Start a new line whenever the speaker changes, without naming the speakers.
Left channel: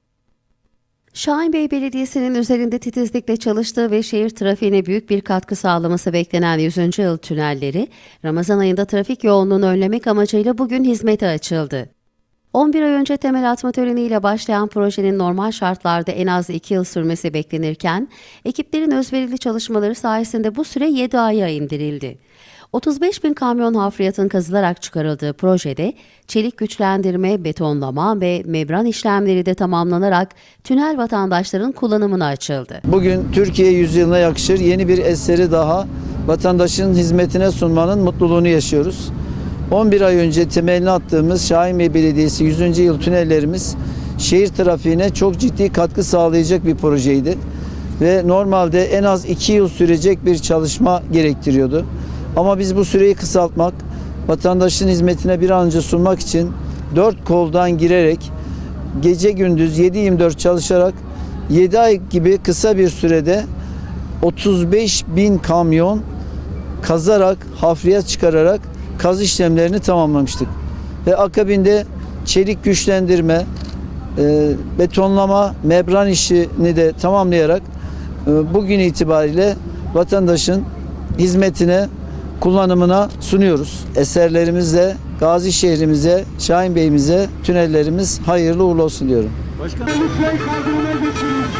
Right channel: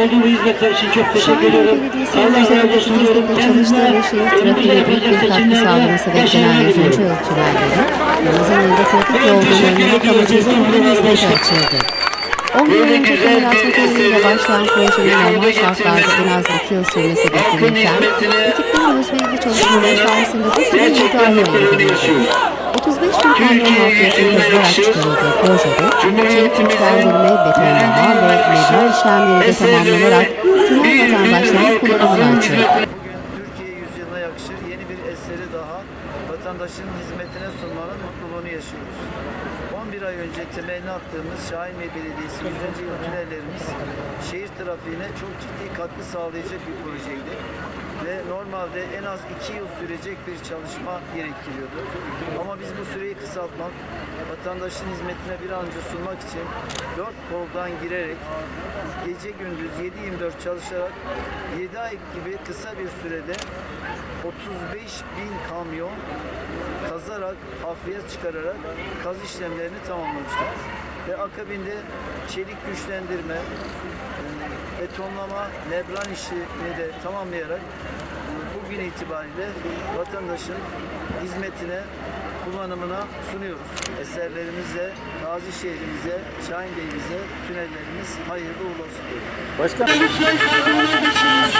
Olduğu bu hizmetler için çok teşekkür
Şahin Bey
ederim.
Belediyesi'nin üzerindeki destekle çalıştığı ve şehir trafiğine büyük bir katkı sağlaması beklenen 100. yıl tünelleri, Ramazan ayında trafik yoğunluğunu önlemek amacıyla bugün hizmete açıldı. 11 ay önce temel atma töreniyle başlayan projenin normal şartlarda en az 2 yıl sürmesi beklenirken, ekiplerin özverili çalışmaları sayesinde bu süre 7 aya indirildi. 35 bin kamyon hafriyatın kazılarak çıkarıldığı projede çelik güçlendirme, betonlama ve membran işlemleri de tamamlanarak tünel vatandaşların kullanımına açıldı.
Bugün Türkiye yüzyılına yakışır yeni bir eseri daha vatandaşın hizmetine sunmanın mutluluğunu yaşıyoruz. 11 ay önce temelini attığımız Şahinbey Belediyesi 100. yıl tünellerimiz şehir trafiğine çok ciddi katkı sağlayacak bir projeydi. Ve normalde en az 2 yıl sürecek bir çalışma gerektiriyordu. Ama biz bu süreyi kısaltmak, vatandaşın hizmetine bir an önce sunmak için dört koldan girerek gece gündüz 7-24 çalışarak 7 ay gibi kısa bir sürede 35 bin kamyon kazarak, hafriyat çıkararak kaz işlemlerini tamamlamıştık. Ve akabinde çelik güçlendirme, e, betonlama, membran işini de tamamlayarak bugün itibariyle vatandaşın hizmetine, kullanımına sunuyoruz. Eserlerimizle Gazi şehrimize, Şahin Bey'imize tünellerimiz hayırlı uğurlu olsun diyorum.
Edebilirsiniz.